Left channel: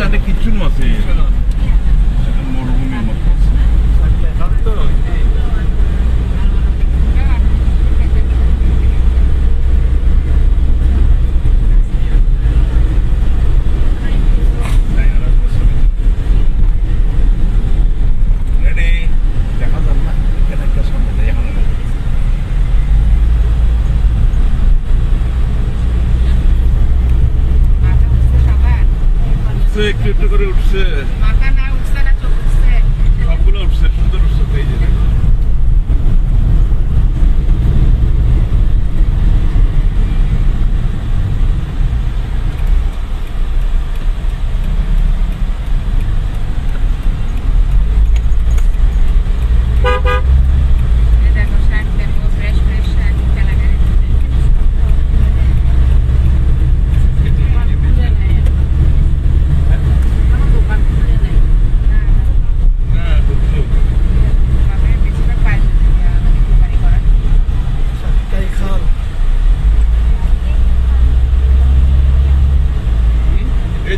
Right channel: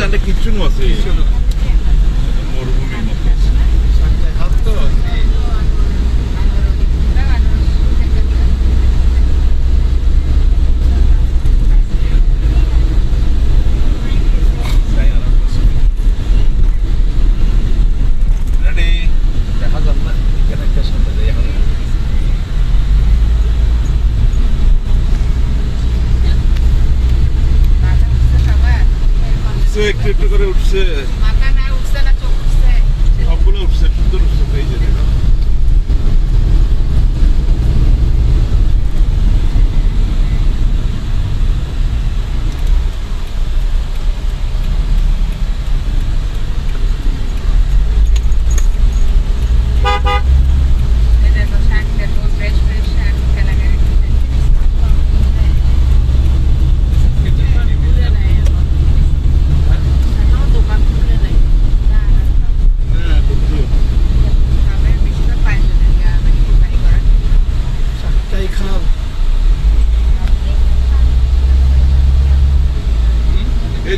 জানে কিচ্ছু আছে মরুভূমির মতো একটু একটু করে উঠছে সবগুলো উঠছে সুন্দর উঠছে এই যে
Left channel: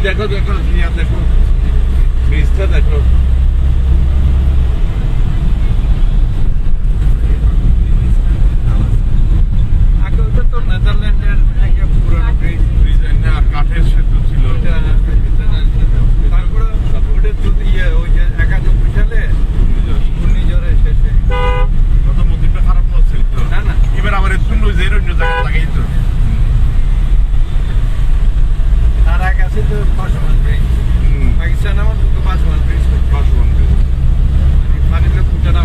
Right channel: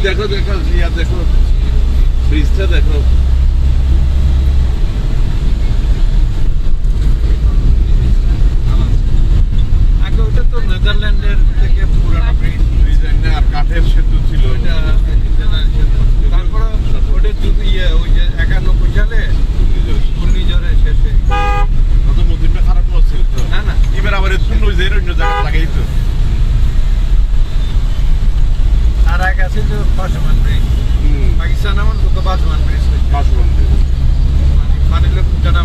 দেখো দেখো দেখো ব্রিজটা দেখো আগে ওইটা তো নেদারল্যান্ডের থেকে পুরনো ব্রিজ আর কাঠের সেতু ছিল তারপরে ওটা যদি ওই যে 91 সালে ঘূর্ণিঝড়ে শেষে তত মন্দিরটা খারাপ হচ্ছে না না এবার আবার একটু নইজে অন্য জায়গা লাগাই তো তার আগে আছে তো পাসওয়ান ব্রিজ পাকিস্তান আমার দুটো পাসওয়ান ব্রিজ মানে লোক জানা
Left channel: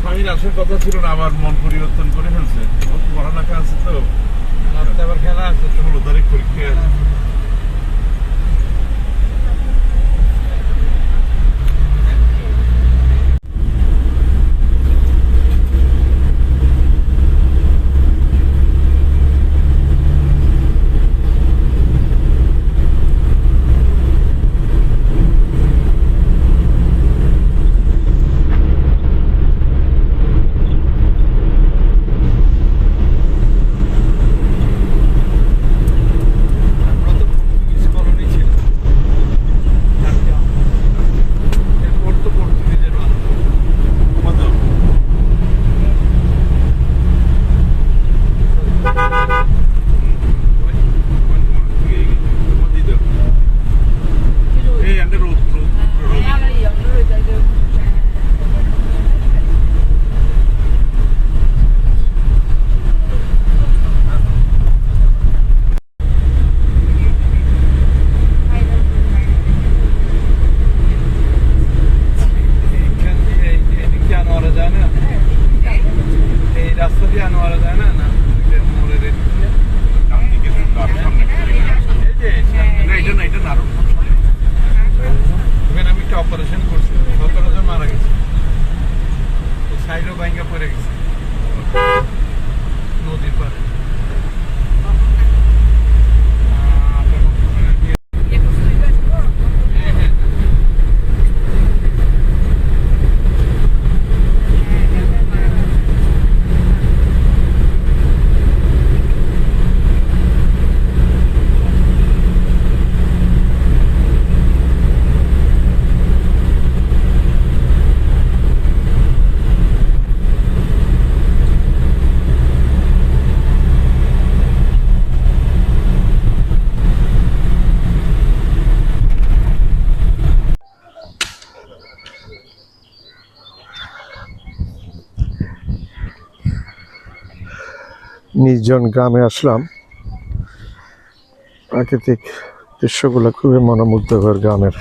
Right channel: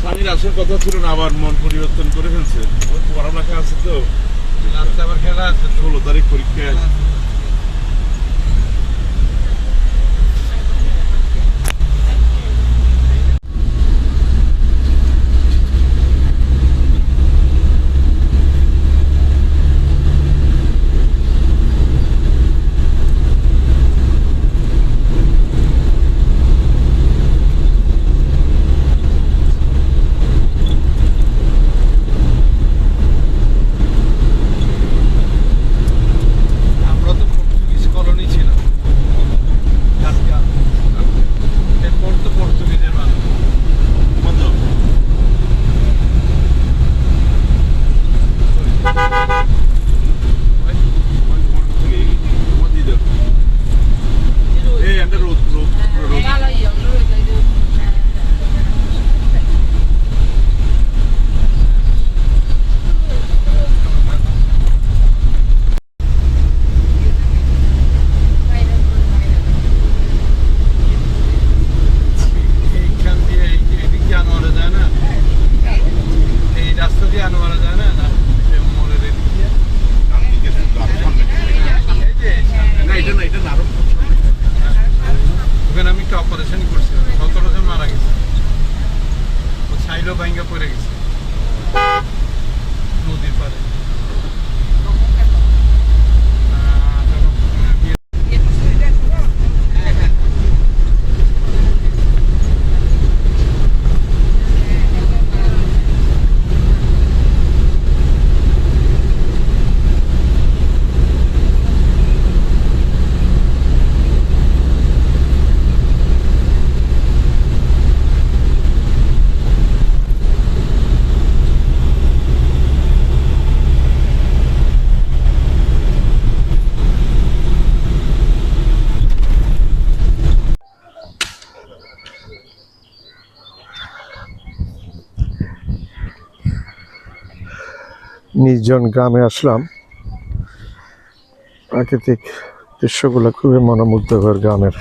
স্বামীর আসার কথা ছিল না আবার মন পরিবর্তন করে ফেলছে পড়ালেখা আছে তো আবার খেলা আছে 16 তারিখ পরীক্ষা অপারেশন করছিল, সচরাচর মারা গেছে। ও সাইডও ভাঙ্গা পড়ে গেছে নদীর পাড়ে। নির্জন গ্রামে আসলাম। প্রাকৃতিক দৃশ্যগুলো খুবই মনোমুগ্ধকর গ্রামের।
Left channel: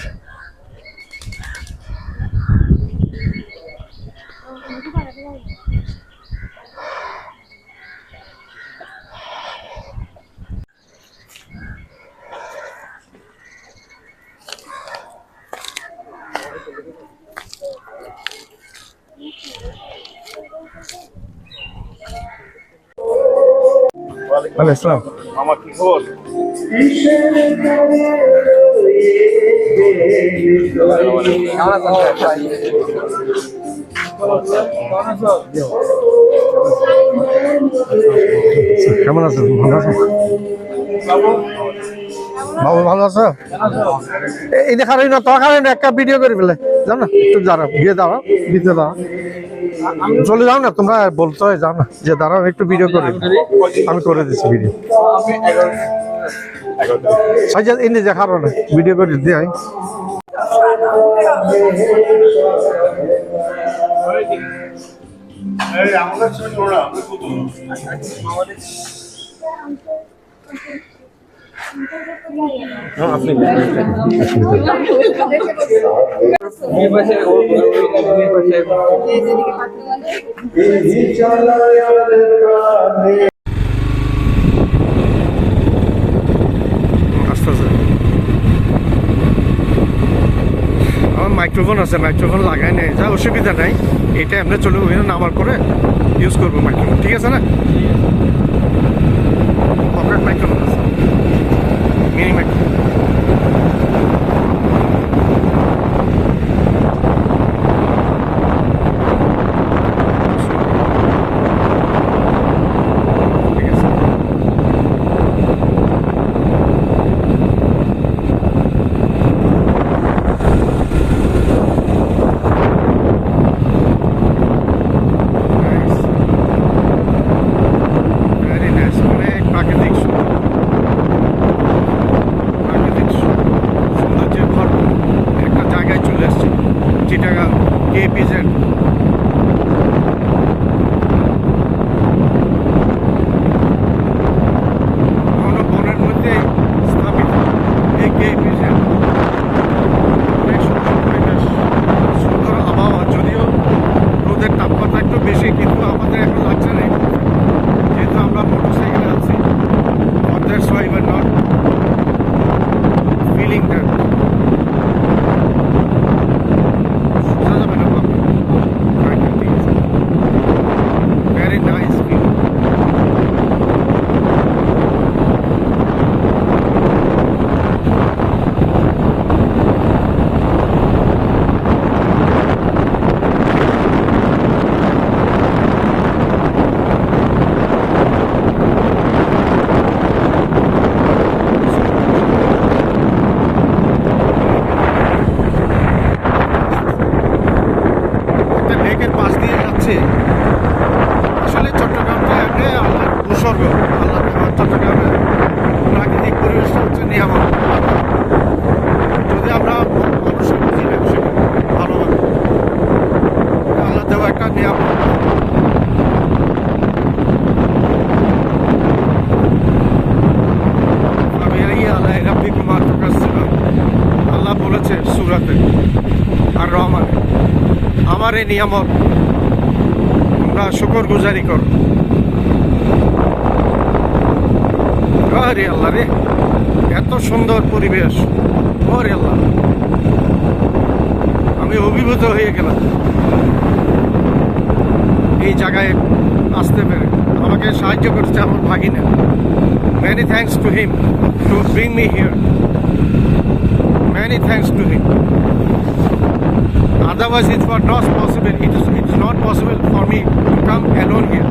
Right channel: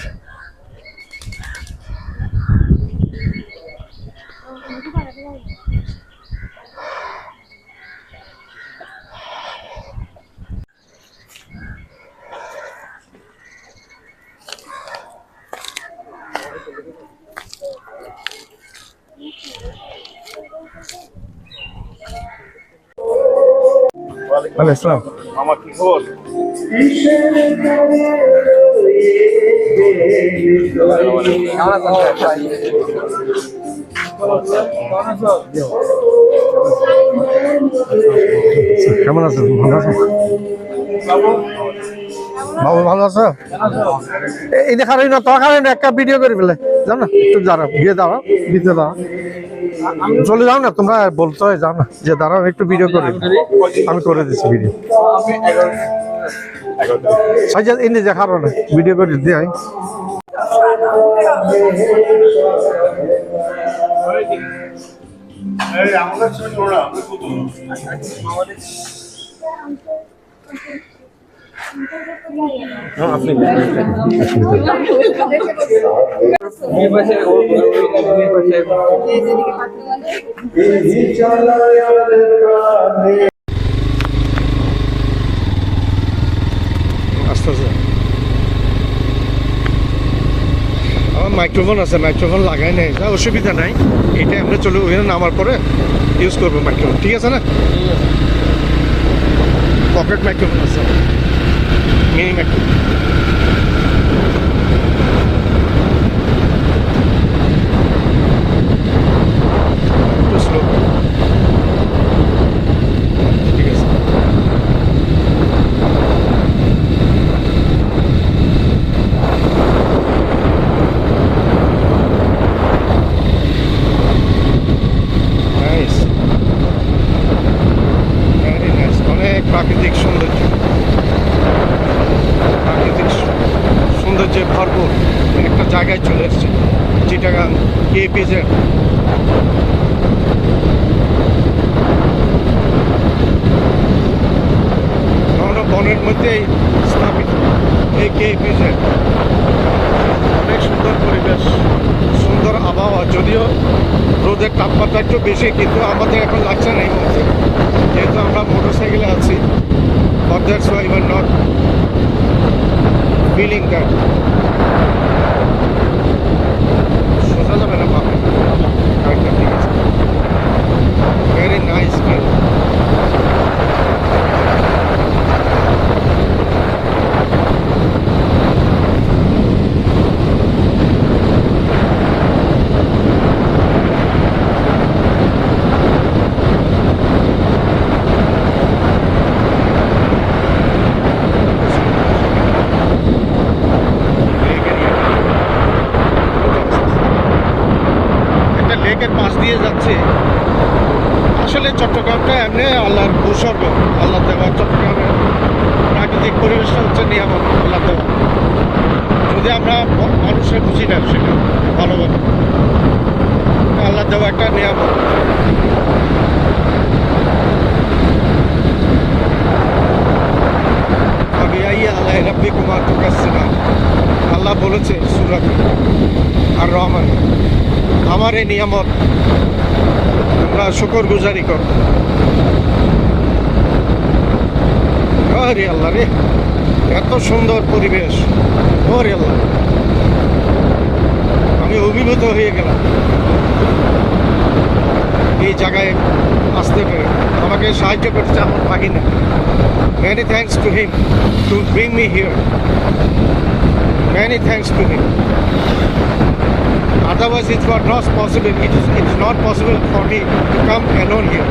ওয়ালাইকুম আসসালাম। আমার কি খবর? কেমন আছেন? ভালো আছেন বাবু? ভালো আছো? এই দেখার না তো খারেন একটা ভিডিও করে ফেলে যাও না, একটু দাঁড়াও, গিয়ে দাঁড়াও, দিতে দাও, চলে যাও না, তোমরা বলতে হয় যাও না, যে দাঁড়াও একটু ভিডিও করে। আমি করে দিচ্ছি ভিডিও। সাইজ এনে দেখারো না, ভিডিও করে দিয়ে আই। আমাদের ছবি তোলা আপনি কত আপনি আস্তে আস্তে আমার মাইক্রোফোন আছে, মাইক্রোফোন লাগাই নাই, অসুবিধা নাই। এটা আমরা চলে ওখানে নামার পরে ইউজ করবো মাইক্রোফোন, ঠিক আছে না? পকেট মাইক্রোফোন আছে, মিনি মাইক্রোফোন। ঠিক আছে। Nice. Very nice. অনেক প্রাকৃতিক সৌন্দর্য, প্রাকৃতিক সৌন্দর্যে ভরপুর একটা জায়গায় চলে এসেছি, চিটাগাং KPZ। বনের মধ্যেই স্থাপিত এই KPZ। অনেক সুন্দর পরিবেশ, সুন্দর আবহাওয়া, যদিও রোদের তাপমাত্রা একটু বেশি, কিন্তু আমাদের এখন লাগছে না এই মুহূর্তে, যেহেতু আমরা মোটর সাইকেলে আছি। But that's why we're not feeling that. সোজা যাবে না বাবা, গাড়িটা ঠিক আছে। Very nice view. লেকের পাশ দিয়ে যাচ্ছে। আসলে চট্টগ্রামটা এমনি আল্লাহর ভূস্বর্গ, আল্লাহ দেওয়া। চট্টগ্রামের প্রাকৃতিক পরিবেশটা হচ্ছে নিয়ামত, আল্লাহ দেওয়া। যদি আমরা মানুষরা বুঝি না সেটা ভালোভাবে, আল্লাহ দেওয়া একটা নিয়ামত। আল্লাহ বলেছে সূরাতে আর রহমানে, আমার এই নিয়ামত তোমরা শুকরগুজারি করো। আরে আল্লাহ রে, এত সুন্দর পরিবেশ, ওরে আল্লাহ। আমি অভিভূত হয়ে গেলাম এই জায়গায় আসতে পেরে। আমাকে সাহায্য করছে আমার ভাগিনা। Many thanks to him to bring me here. Many thanks to him. Otherwise, it was not possible. It is not possible for me to come alone here.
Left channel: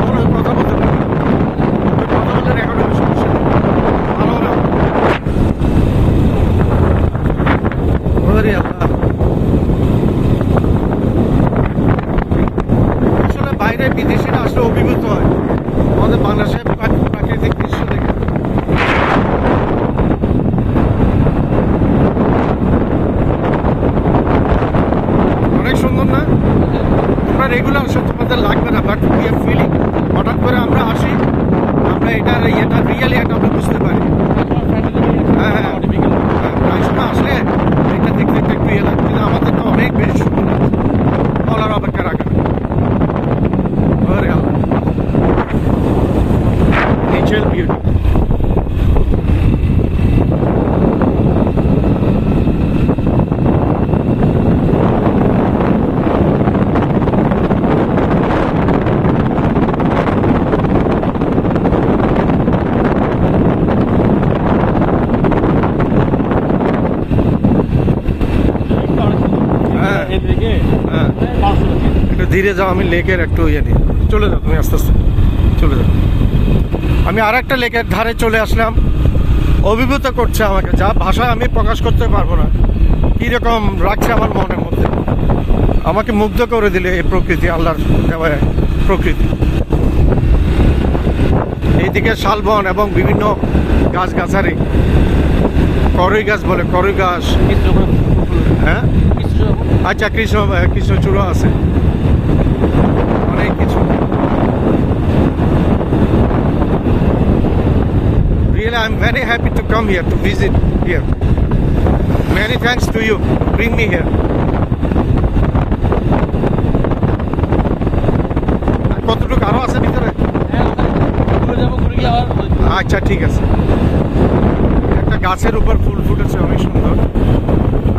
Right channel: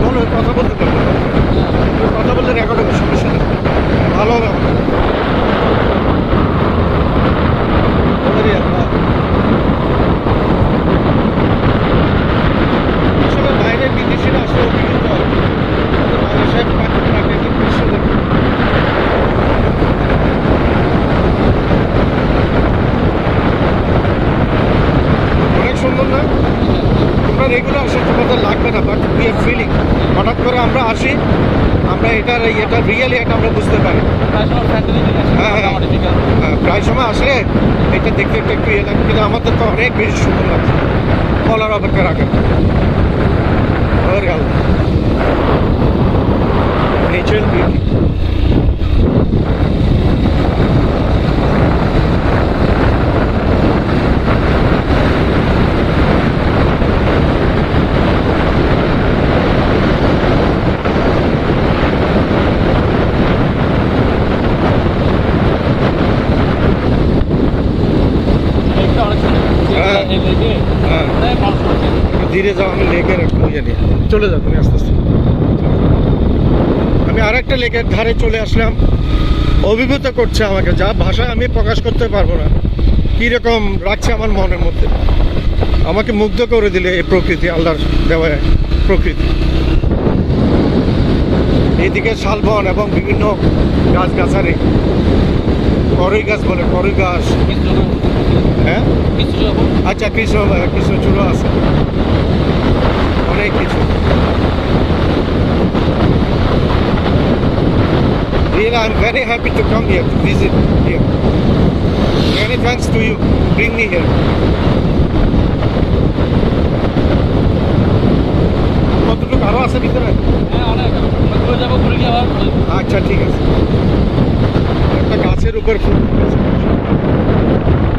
বলো, কথা বলতে পারো। তুমি কথা বললে রেকর্ড হবে, সমস্যা নেই। ভালো না ওরে আল্লাহ। আসলে বাইরের বিদেশিরা আসলে অভিভূত হয় আমাদের বাংলাদেশের প্রাকৃতিক দৃশ্য দেখে। অনেক সুন্দর না? তোমরা রেগুলার আসো, তোমাদের লাগবে না, বাট উই আর ফিলিং। হঠাৎ করে আমরা আসি, আমরা এটা রিয়েলি এটা আমরা বুঝতে পারি। হ্যাঁ, প্রায় সময় আসলে এটা দেখতে একটু একটু ইয়ে লাগে, কিন্তু আমাদের তো অনেক বেশি সুন্দর লাগছে বলার অপেক্ষা রাখে। Natural beauty. একটু ধীরে যাও, আমি লেকের একটু ইয়ে নিয়ে চলে যাও। তুমি আস্তে আস্তে চলে যাও। আমি আর একটা লেকের ধারে চলে আসলাম। অভিভূত করছে আমাকে, যা ভাষা আমি প্রকাশ করতে পারবো না। কীরকম রাখছে আমার মনের মধ্যে, আমাকে মুগ্ধ করে দিলে এই প্রকৃতি, আল্লাহর দেওয়া প্রকৃতি। এইদিকে শালবন এবং বিভিন্ন গাছগাছালি, করই গাছ বলে, করই গাছ। হ্যাঁ, আচ্ছা, কৃষ্ণচূড়া আছে, অনেক কিছু। Really, I'm very happy to come here to visit here. Many thanks to you. Bring me here. কতটুকু আরো আছে ভিতরে? আচ্ছা, ঠিক আছে। একটা গাছের উপর ফুল ফুটেছে, অনেক সুন্দর।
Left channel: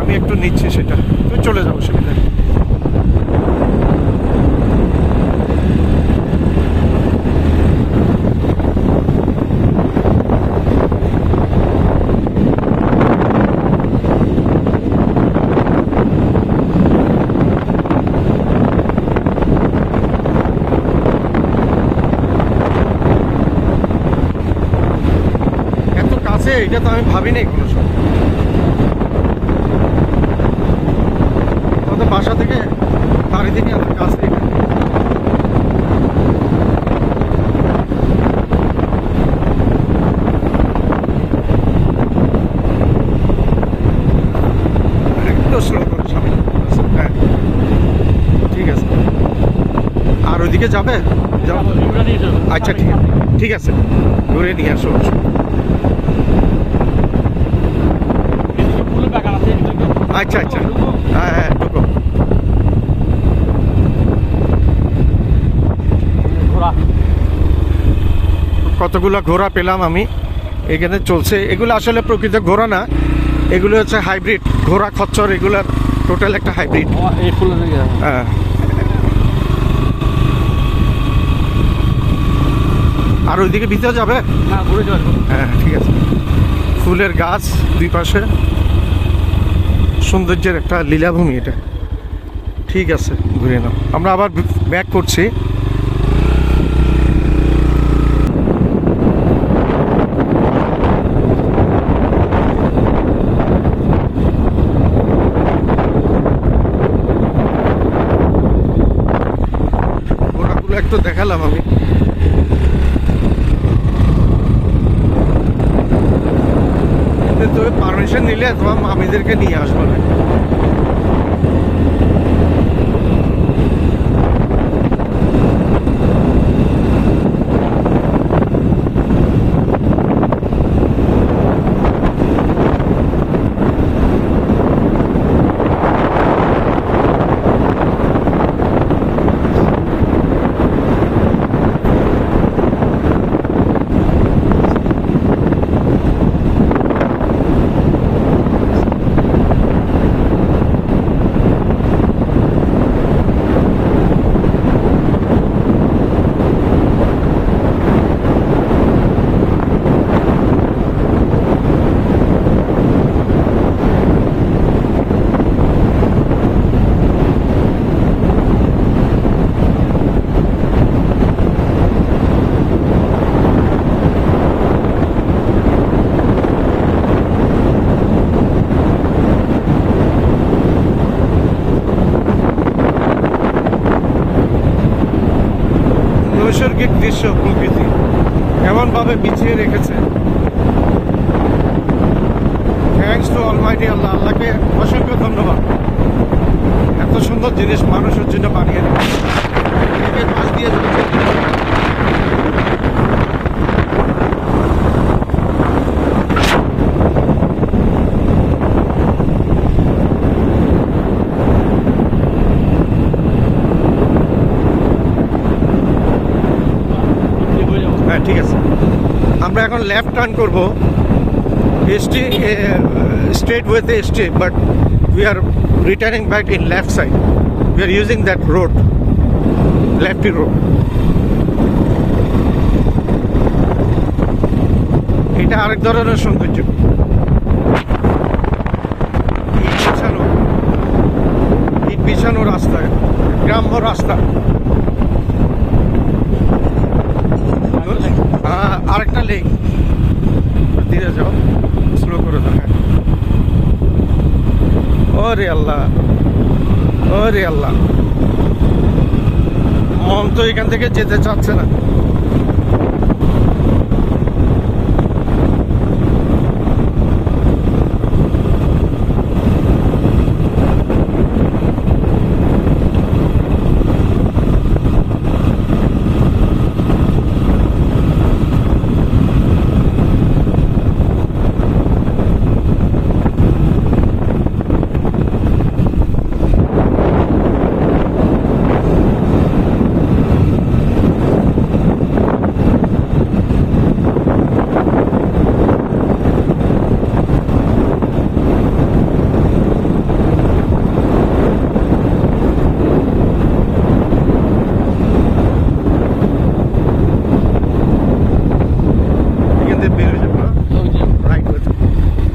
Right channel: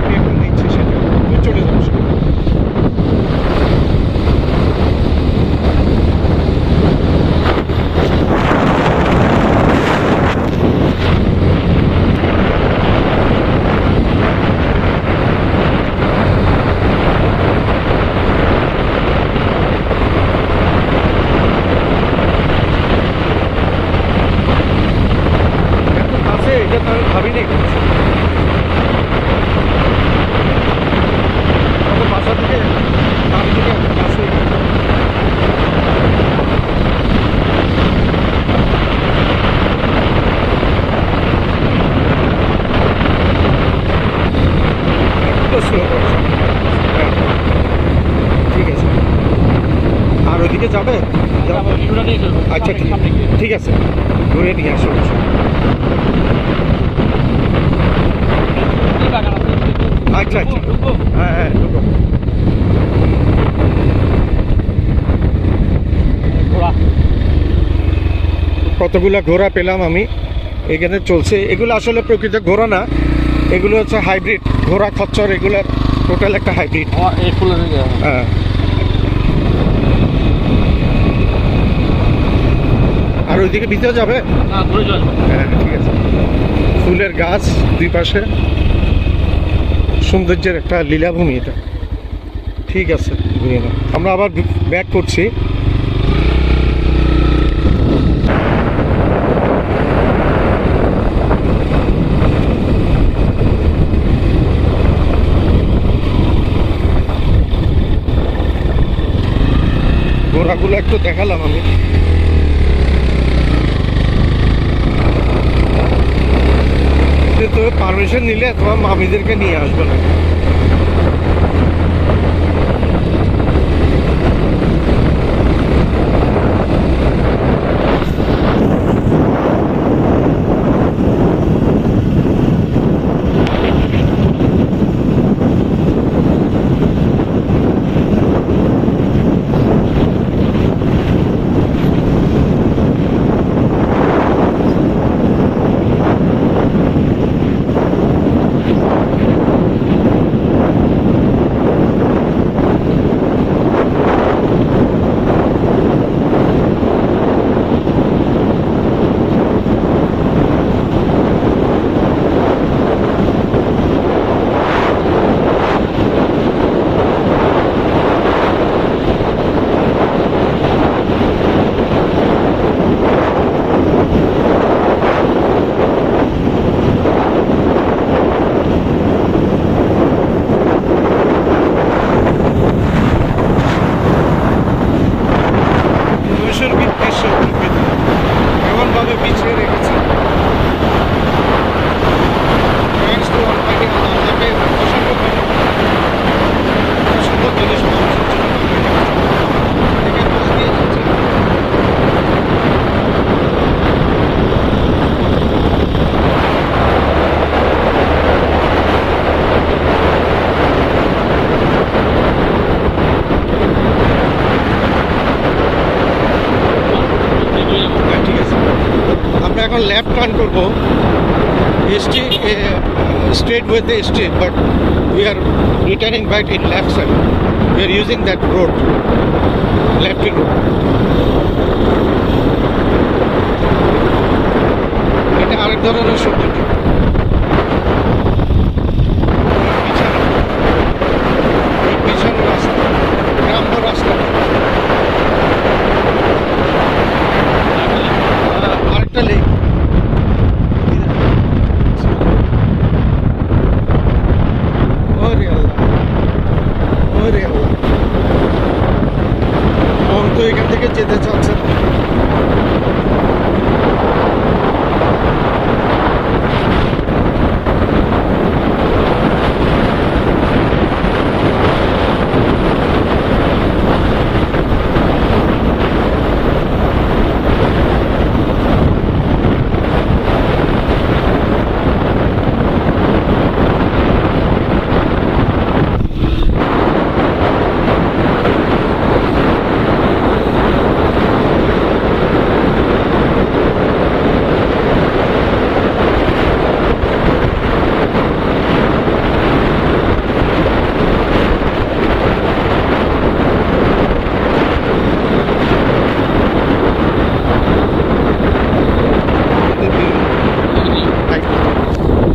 আমি একটু নিচ্ছি সেটা, তুই চলে যাও সেটা। এটা তো আমি ভাবিনি। বাসা থেকে চারিদিকে কাছে ঠিক আছে। আর ওইদিকে যাবে? আচ্ছা, ঠিক আছে, ঘুরে নিয়ে আসো। আচ্ছা আচ্ছা, হ্যাঁ হ্যাঁ, ঢুকো। কতগুলো ঘোড়া পেলাম আমি এখানে চলছে। এগুলো আসলে প্রকৃত ঘোড়া না, এগুলো হচ্ছে হাইব্রিড ঘোড়া, খচ্চর, এগুলার টোটাল একটা হাইব্রিড। হ্যাঁ, আর ওইদিকে ভিতরে যাবে? হ্যাঁ, ঠিক আছে। ফুলের গাছ দুই পাশে, সৌন্দর্যের একটা লীলাভূমি এটা। ঠিক আছে, ঘুরে নাও। আমরা আবার ব্যাক করছি। ঘোড়াগুলো একটু দেখালাম আমি। তো পারমিশন নিলে তোমার মামিদেরকে নিয়ে আসবো না। নৈসর্গিক দৃশ্য প্রকৃতি এমনভাবে বিছিয়ে রেখেছে। থ্যাঙ্কস টু অলমাইটি আল্লাহ, আল্লাহকে অসংখ্য ধন্যবাদ। এত সুন্দর জিনিস মানুষের জন্য বানিয়ে রেখেছে। একের পাশ দিয়ে যাচ্ছে। হ্যাঁ ঠিক আছে, আমরা এখন লেফট টার্ন করবো straight with the street, but we are returning back in left side. We are using that road, lefty road. এটা আরেক ধরনের সৌন্দর্য। বিছানো রাস্তা, গ্রাম্য রাস্তা। আরেকটা লেক, স্লো করে। ওরে আল্লাহ, ওরে আল্লাহ, মন তো এখান থেকে যেতে চাচ্ছে না।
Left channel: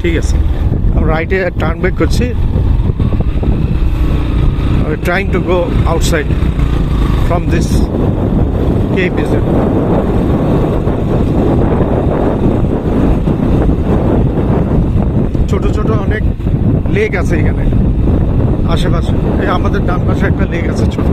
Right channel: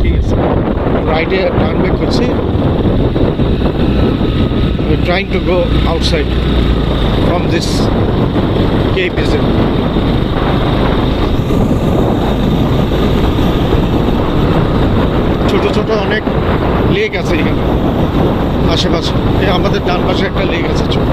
ঠিক আছে, রাইটে টার্ন ব্যাক করছি। we are trying to go outside from this Cape Isle. ছোট ছোট অনেক লেক আছে এখানে আশেপাশে। এই আমাদের ডান পাশে একটা লেক আছে ছোট।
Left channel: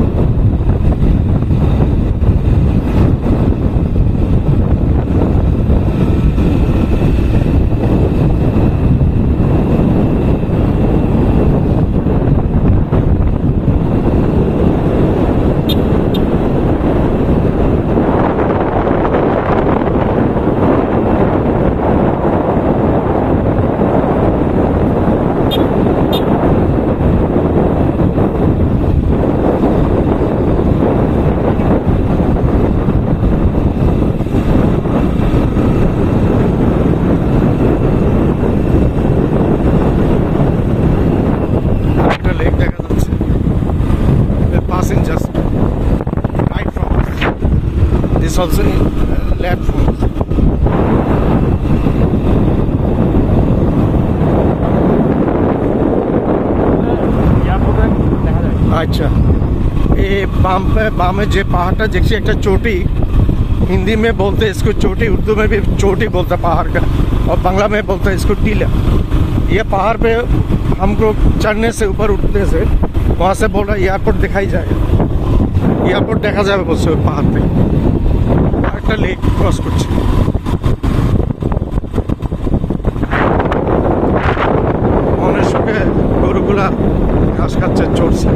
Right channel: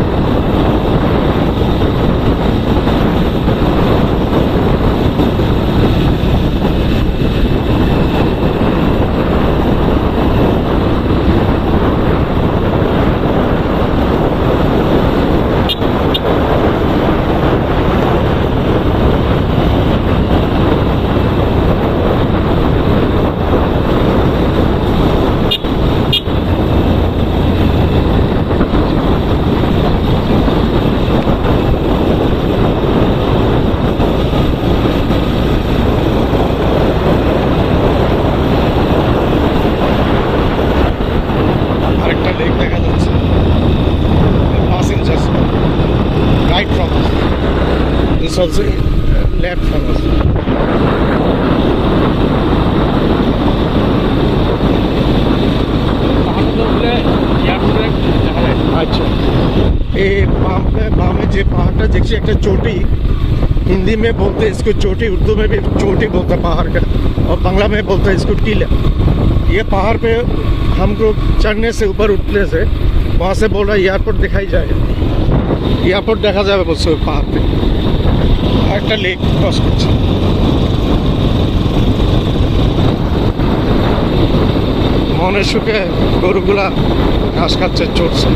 Also in left from us. अच्छा, ये बाम में जो पहाड़ देखिए एक चोटी, हिंदी में बोलते हैं इसको चोटी, उर्दू में भी चोटी बोलता है पहाड़ का, और बांग्ला में बोलता है इसको टीला। ये पहाड़ पे हमको चढ़ने से, ऊपर उठने से, वहाँ से बोल रहा है एयरपोर्ट दिखाई जाएगा, एयरपोर्ट देखा जाए बोलते पहाड़ पे। একটা লেক ক্রস করছে। শুকে গরুগুলা ঘাস খাচ্ছে, চড়ছে।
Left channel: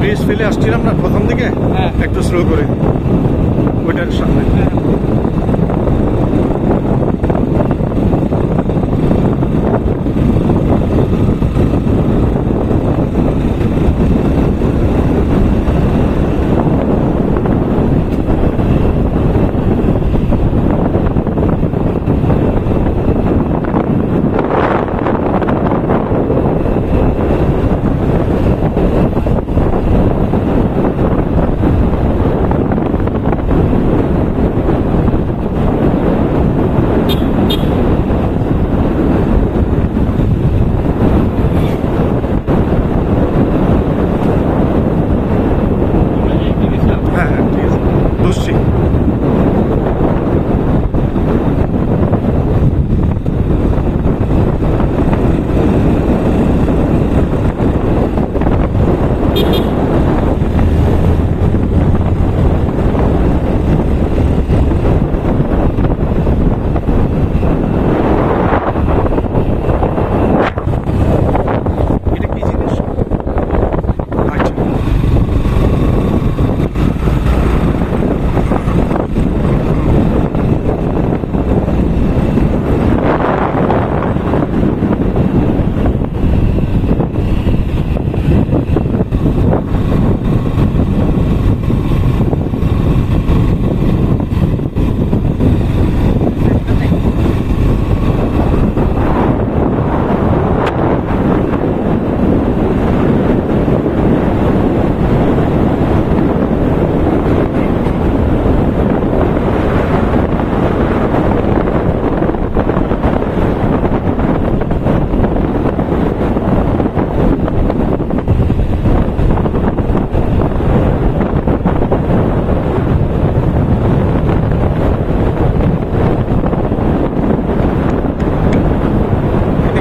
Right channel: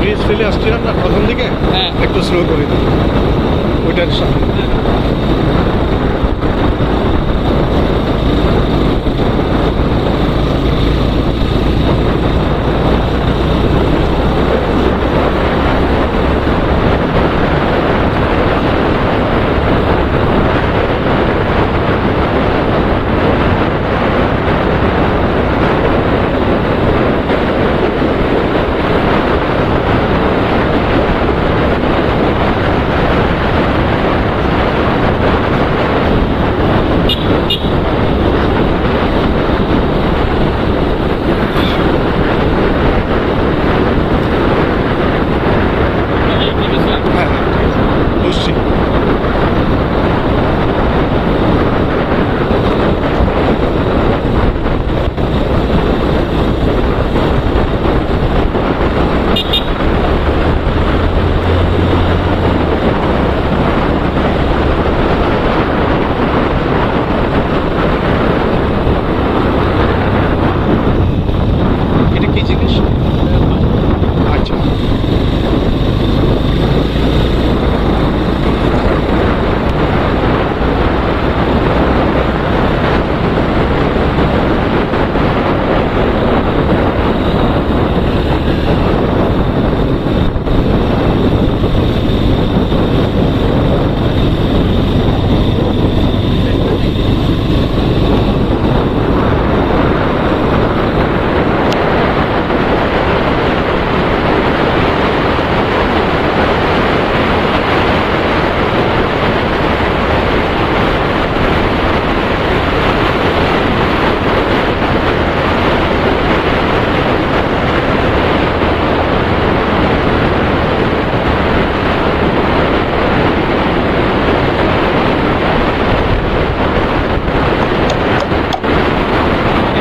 ব্রিজ ফেলে আসছিলাম না প্রথম দিকে, হ্যাঁ। একটু স্লো করে দিই ওইটার সামনে। হ্যাঁ হ্যাঁ, ঠিক আছে, বুঝছি। এটা কি জিনিস? আচ্ছা,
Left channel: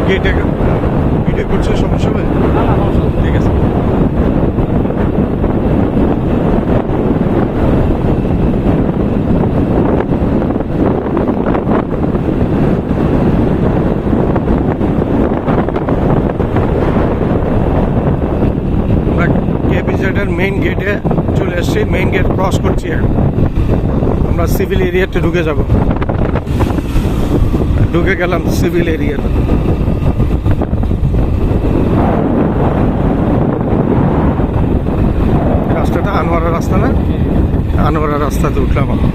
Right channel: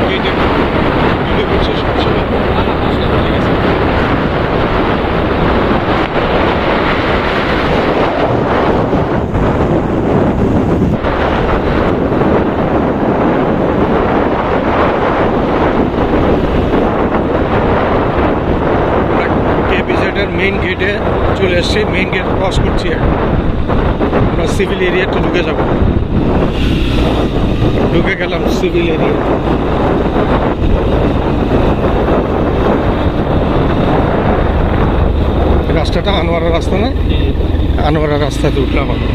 গেটে গেটে করছে, সমস্যা নেই, ঠিক আছে। আমরা কেপিজেডের মেইন গেটে চলে এসেছি, মেইন গেট ক্রস করছি এখন। আমরা সিভিল এরিয়াতে ঢুকে যাব, ঢুকে গেলাম সিভিল এরিয়া। রাস্তাটা আনোয়ারা রাস্তা না? আনোয়ারা রাস্তাতে উঠলাম আমরা।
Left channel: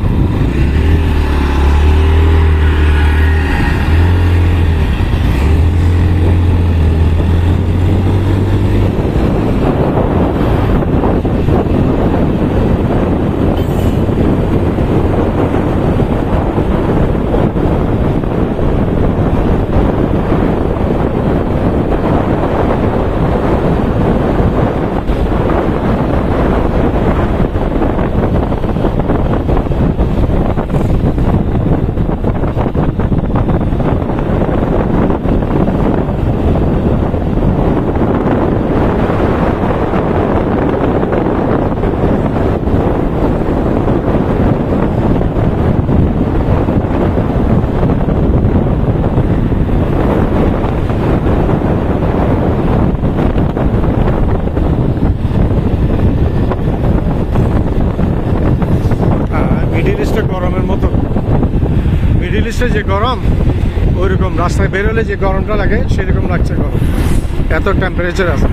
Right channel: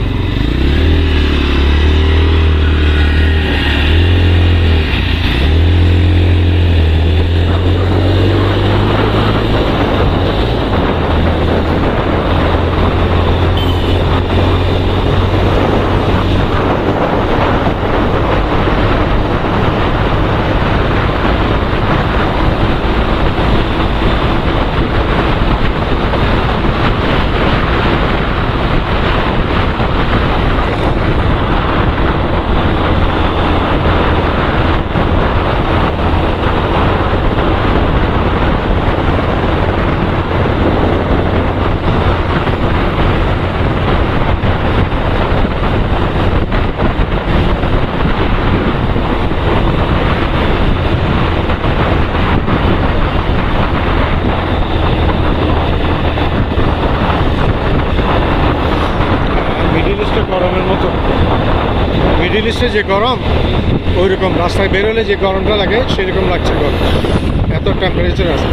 মিডিল ইস্টে গরমের মতো, মিডিল ইস্টে যে গরম ওই রকম রাস্তায় বেরোলে যে গরমটা লাগে সেরকম লাগছে গরম, এত টেম্পারেচার আছে।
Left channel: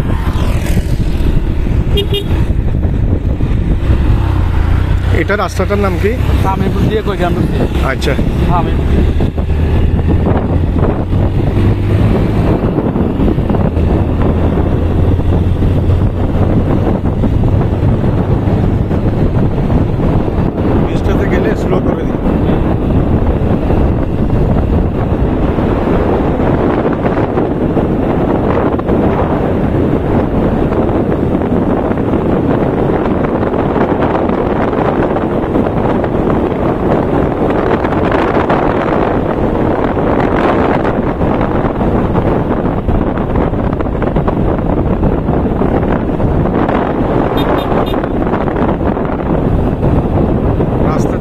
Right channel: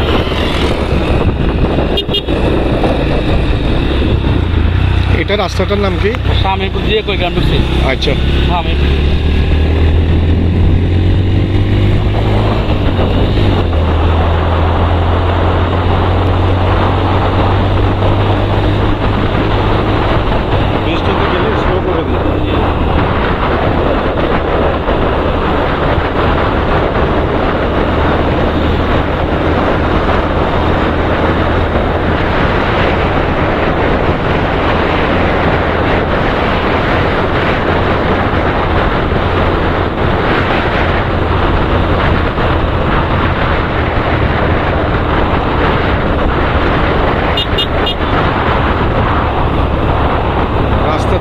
এটা রাস্তাটার নাম কি? স্বামীপুর দিয়ে কই গ্রাম ঢুকছে। আচ্ছা, স্বামীপুর। বৃষ্টিতে গেলে স্লো করে দিই।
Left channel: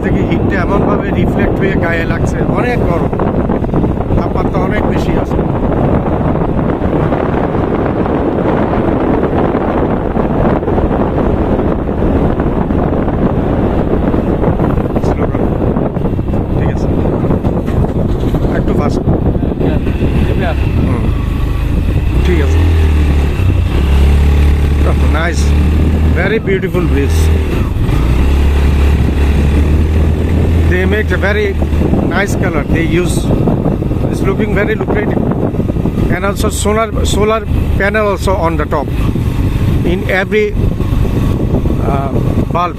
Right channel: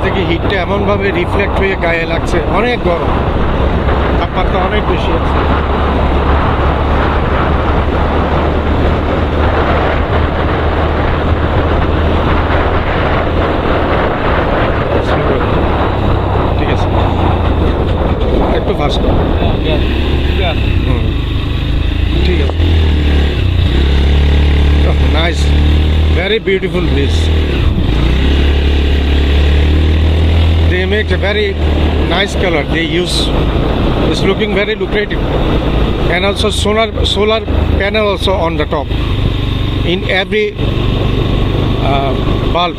থেকে হিটটা এমনভাবে রিফ্লেক্ট হয়ে গায়ে লাগছে, অনেক গরম, তাপমাত্রা অনেক বেশি আছে। ঠিক আছে, একটু ফাস্ট। ঠিক আছে, nice, very beautiful bridge. They make a very nice color they use. It's looking very lucrative, and also solar panel also on the top in every bulb.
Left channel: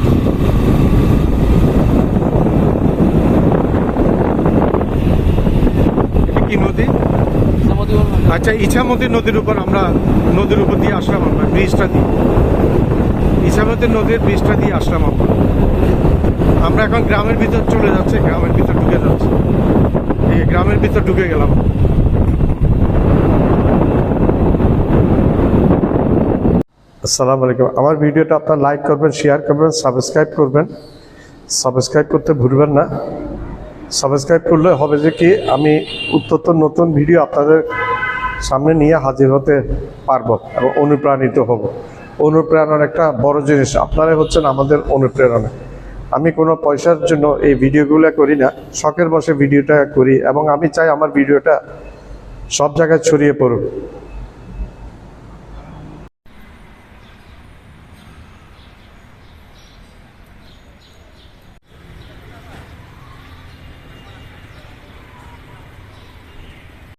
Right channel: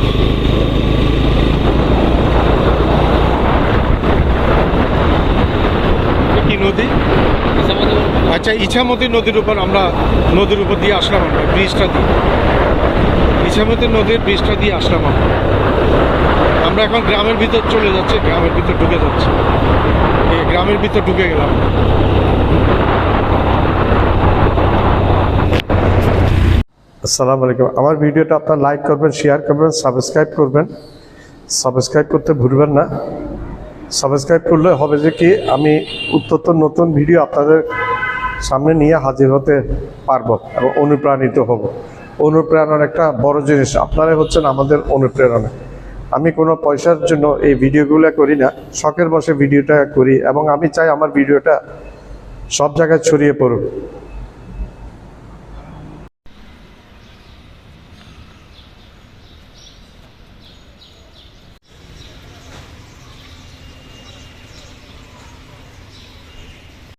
কি নদী? আচ্ছা, ইছামতি নদীর উপর আমরা নদীর উপর দিয়ে আসলাম, আমরা ব্রিজটা দিয়ে ইছামতি নদীর ব্রিজটা দিয়ে আসলাম আমরা এখন গ্রামের ভিতর চলে যাচ্ছে, গ্রামের ভিতর ঢুকে যাচ্ছে, এই গ্রামের ভিতর ঢুকে গেলাম। আসসালামু আলাইকুম। আমার ভিডিওটা আপনার লাইক করবেন, শেয়ার করবেন, সাবস্ক্রাইব করবেন। সাবস্ক্রাইব করতে ভুলবেন না। সাবস্ক্রাইব করলে হবে যে কি, আমি উত্তর নতুন ভিডিও আপনাদের সামনে নিয়ে হাজির হতে পারবো এবং অনুপ্রাণিত হব। অনুপ্রেরণার একটা বড় জিনিস আপনারাই হচ্ছেন আমাদের অনুপ্রেরণা। আমি কোনো পয়সার জন্য এই ভিডিওগুলো করি না, শখের বসে ভিডিওটা করি এবং আমি চাই আমার ভিডিওটা সব জায়গায় ছড়িয়ে পড়ুক।